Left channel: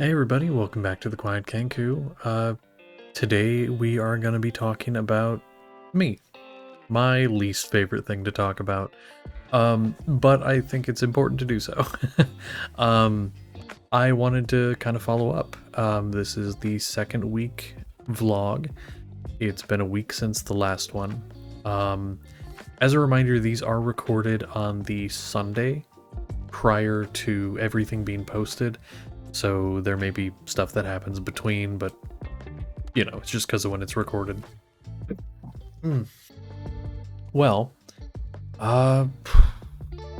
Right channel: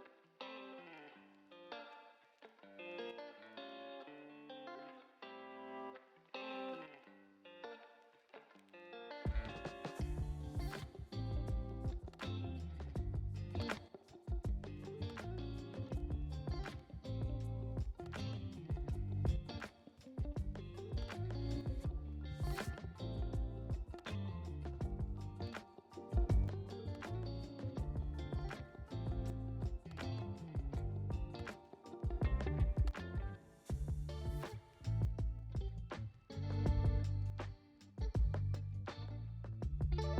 Hey everybody, welcome back to the Quiet Kenku. Today we are going to be talking about me, my least favorite thing to talk about. But I think it's important to do so. um, I wanted to kind of follow up. This is the second week vlog. It's been a week since the last one. Um, as a reminder, these are recorded on the Sunday prior to everything being posted. So there may be stuff that happens between, but it's just because of when it's recorded. Hmm. Well, uh,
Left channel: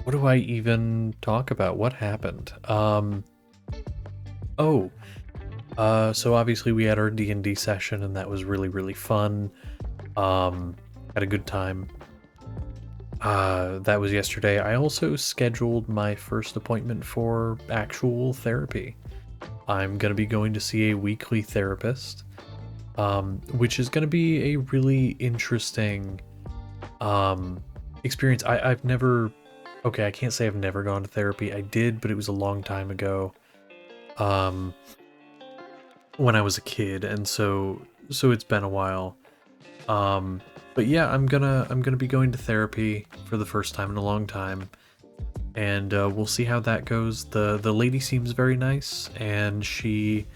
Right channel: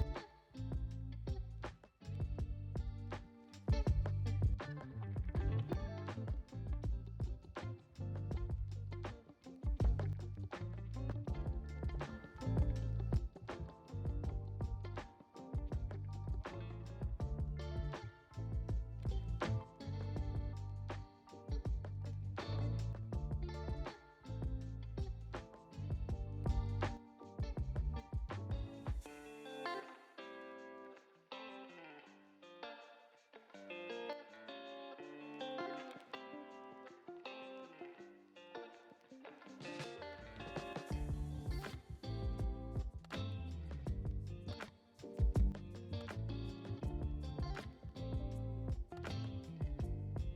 what do I even talk about? What happened? Oh, so obviously we had our D&D session, and that was really, really fun. Had a good time. That was yesterday. I also scheduled my first appointment for actual therapy. I'm gonna be going to see a weekly therapist. Which is going to be a really interesting um, experience. I've never, okay, I can't say I've never gone to therapy. I did, but it was a long time ago, um, when I was a kid, and so it's been a while. Um, but yeah, I'm gonna be going to therapy for the first time in a long time, and we'll see how that goes. The lady seems very nice, and she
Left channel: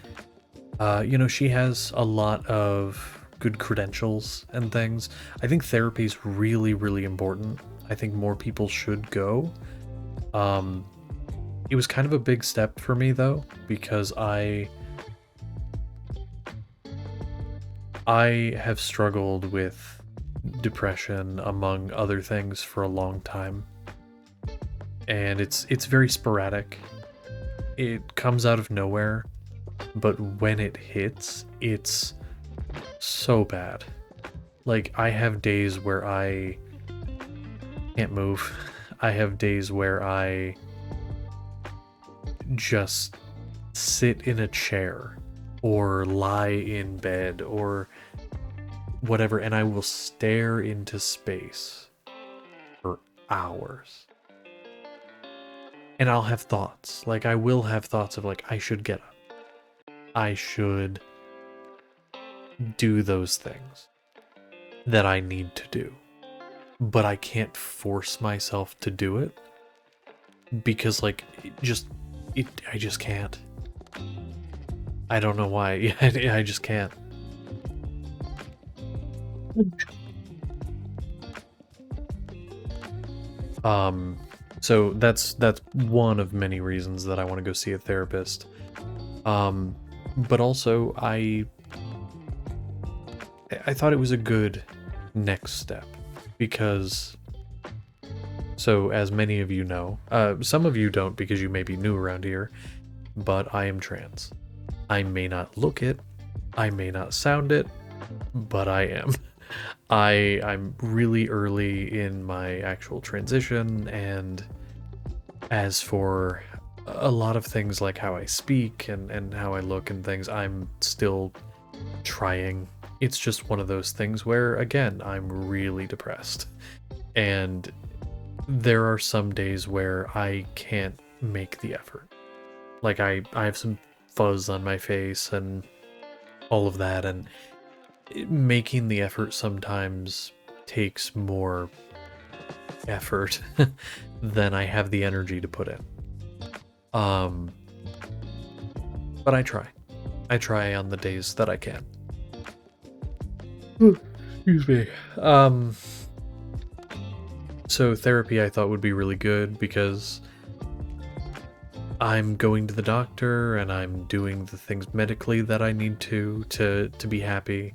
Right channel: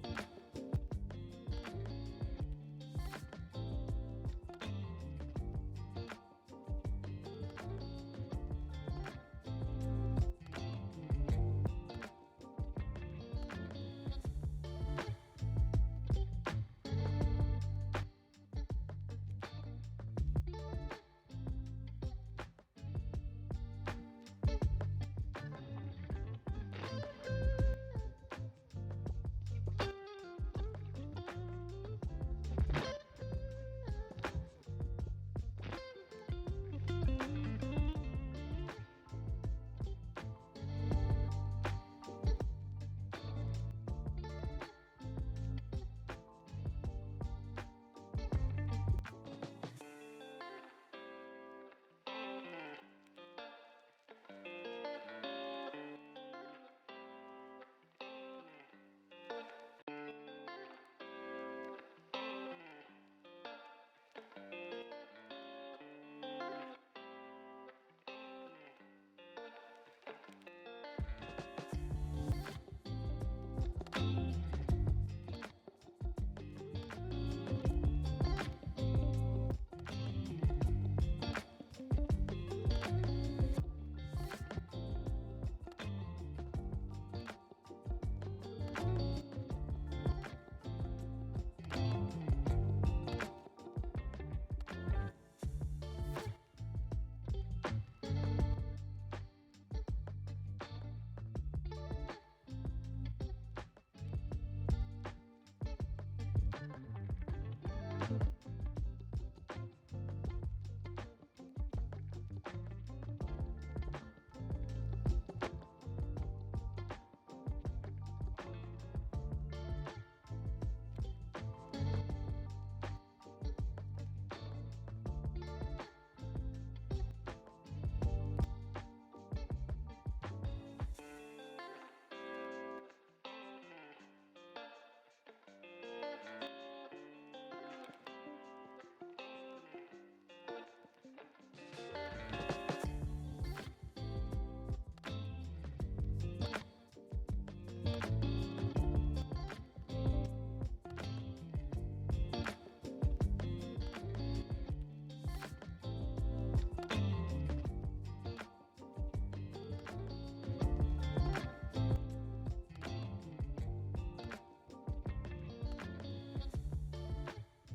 has a lot of good credentials and things. I think therapy is really, really important. I think more people should go. Um, it was kind of a big step for me though, because I have struggled with depression among other things for a long time, and it's very sporadic. It comes out of nowhere, but when it hits, it's so bad. Like, I have days where I can't move. I have days where I just sit in a chair or lie in bed or whatever, and I will stare into space for hours. And I'll have thoughts. Like, I will have thoughts of, like, I should get up. I should do those things that I need to do. But I can't force myself to do it because, like, I just can't. I don't know why. I just can't. Um, so that's one of many reasons that I want to go see a therapist. But also I thought it was a good next step because, so as many of you know, some of you don't because you may be new around here, but I am trans. I may not look it, I may not sound it, but I am. I'm really early in my actual transition, and as for a lot of things like how I speak and how I look and things, I'm still trying. It's just one of those things where, again, I'm really depressed. And there are some days where I can't make the effort. Like, I have some fuzz on my face and all of that, and making the effort sometimes takes more effort than I have the energy to put in. Um, but I try. I try on the days that I can. Excuse me. So therapy I thought would be really good because I'm going to the doctor and I'm doing the things medically that I need to be happy.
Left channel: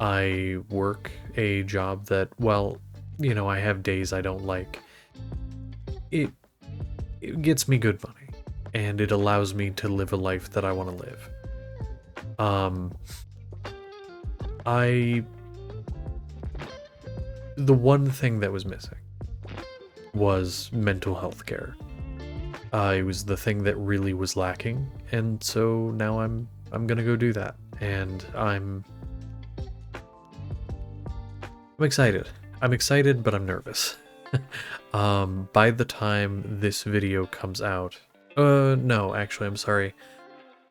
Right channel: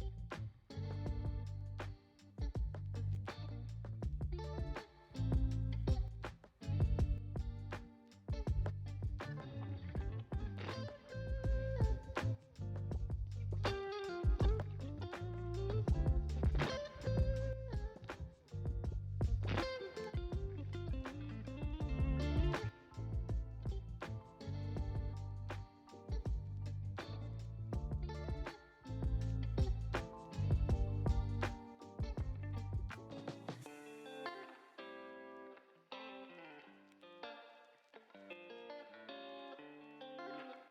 I work a job that, well, I have days I don't like. It it gets me good money and it allows me to live a life that I want to live. Um I the one thing that was missing was mental health care. It was the thing that really was lacking, and so now I'm gonna go do that, and I'm excited. I'm excited, but I'm nervous. By the time this video comes out, no, actually, I'm sorry.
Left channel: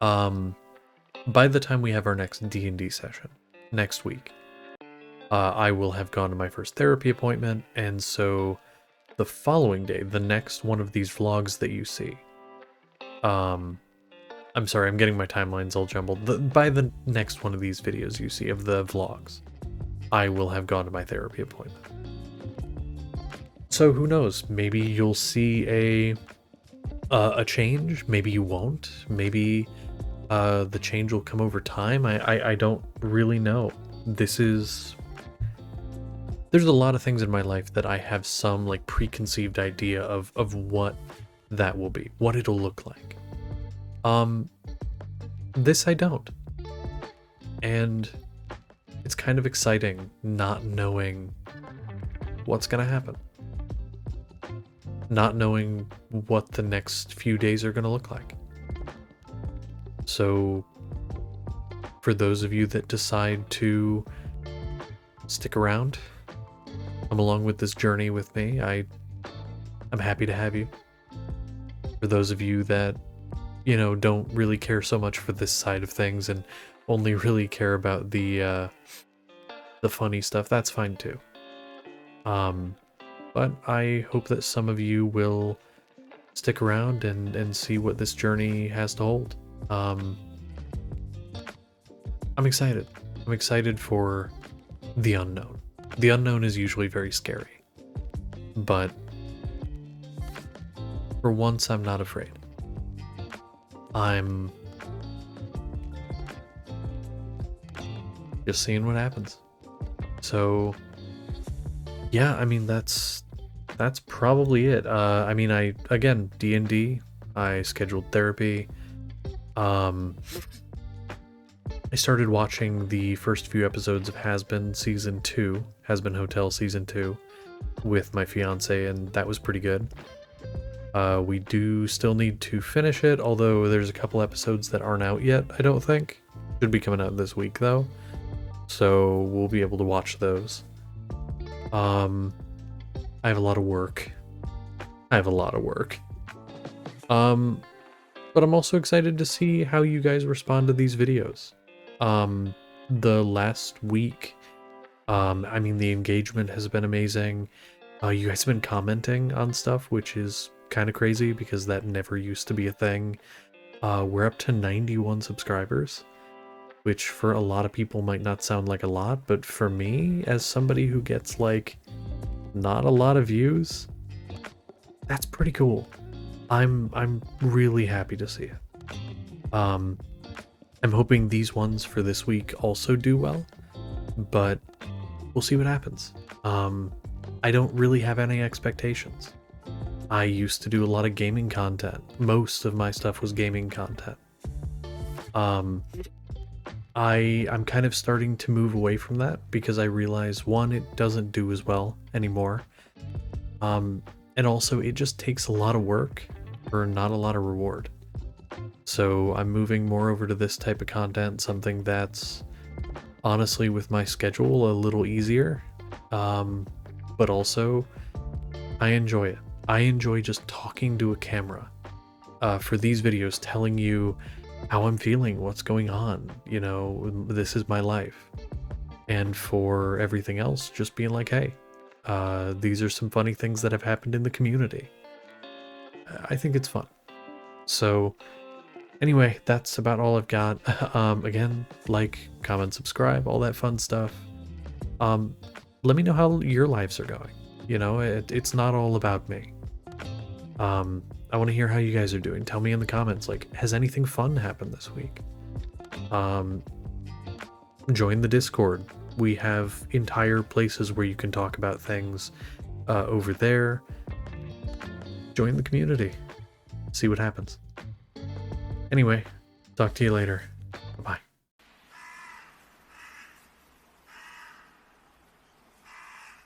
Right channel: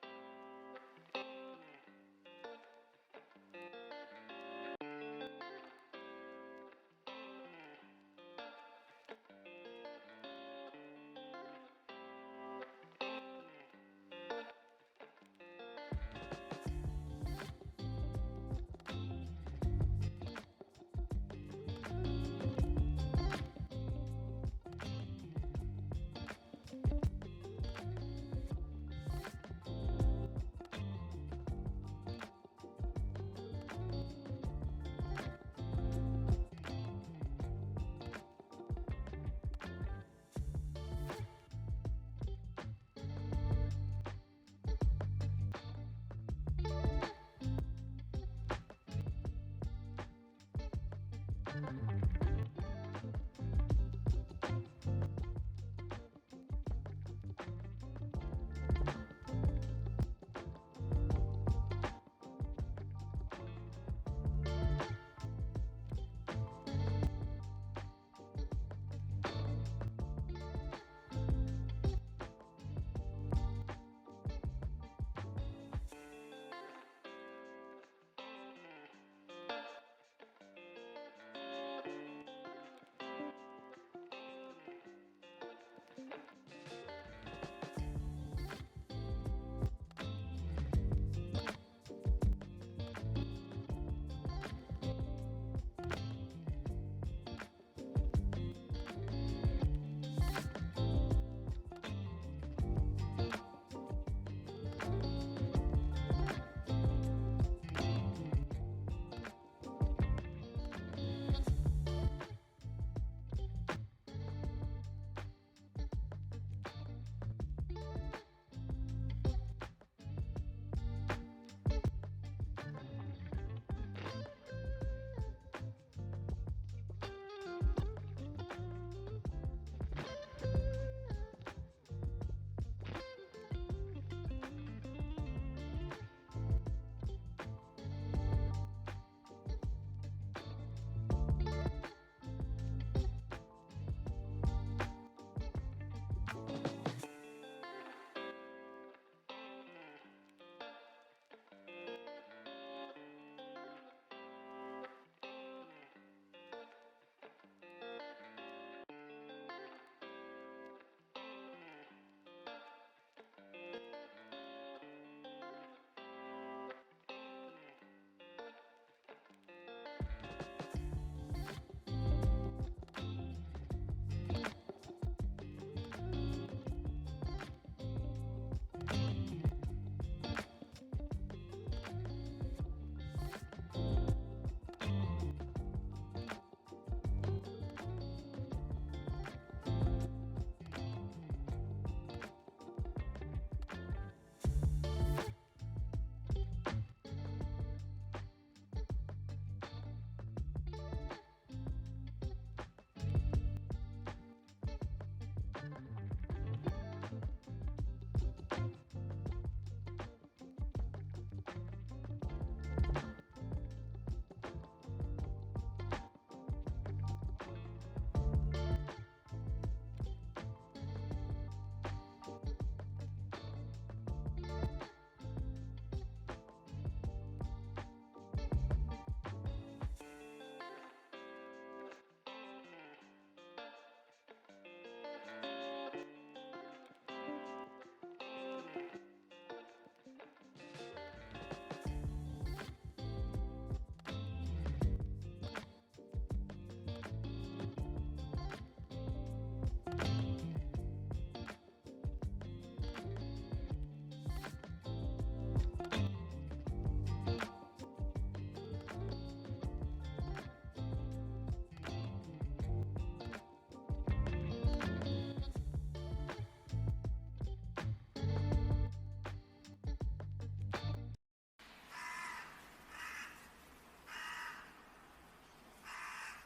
By the time we have our next D&D session next week, I will have gone to my first therapy appointment, and so the following day, the next one of these vlogs that you see, I'm sorry, I'm getting my timelines all jumbled. By the next one of these videos you see of the vlogs, I will have gone to my therapy appointment. So who knows? Maybe you'll see a change. Maybe you won't. Maybe the change will come over time. I don't really know. There's a lot of things in my life that I have some like preconceived idea of what that will be, what it'll look like. This I don't. And it's kind of exciting not knowing what's gonna happen. Not knowing what the next few days are gonna look like. So for those of you that decide to stick around, come along with this journey with me, I'm happy to have you. For those of you that, you know, don't really care so much for this side of things and only really care about the funny stuff, that's fine too. But I hope that some of you will stick around and see what this journey has to hold. I'm excited. I'm excited for the unknown. The unknown is usually very scary, but for once I'm not afraid. I'm just seeing what happens. So yeah, I mean that's probably it. I mean, again, D&D, I scheduled therapy. I started watching the first few episodes of Hazbin Season 2, Hazbin Hotel Season 2, with my fiance, and that was pretty good. We do still need to finish it, although there's a couple episodes that aren't out yet, I don't think. Should be coming out this week, though. So we'll be able to watch those. I have a lot of work. But I'm also excited to see how you guys respond to these videos. The last week, I mean, the engagement has been amazing. You guys have been commenting on stuff, which is kind of crazy because that never used to be a thing. We're up to 91 subscribers, which for a lot of people might not sound like a lot, but for me, as somebody who gets like not a lot of views, that's pretty cool. I'm really happy to see it. I'm hoping these ones for this week also do well, but we'll see what happens. I don't really have any expectations. I used to do a lot of gaming content. Most of my stuff was gaming content. I'm kind of starting to move away from that because I realize, one, it doesn't do as well anymore. And also it just takes a lot of work for not a lot of reward. So I'm moving more over to this type of content, something that's honestly with my schedule a little easier. But also I enjoy it. I enjoy just talking to a camera for these videos, telling you how I'm feeling, what's going on, you know, this is my life. And for everything else, just being like, hey, these are some funny things that have happened in the community. I think it's fun. So anyway, that's about all I've got. Again, like, comment, subscribe, all that fun stuff. Let me know how your lives are going. You know, it's not all about me. I want to hear how you guys are doing. Tell me in the comments, like, has anything fun happened this week? Join the Discord. We have entire places where you can talk about things over there. Join the community. See what happens. Anyway, talk to you later.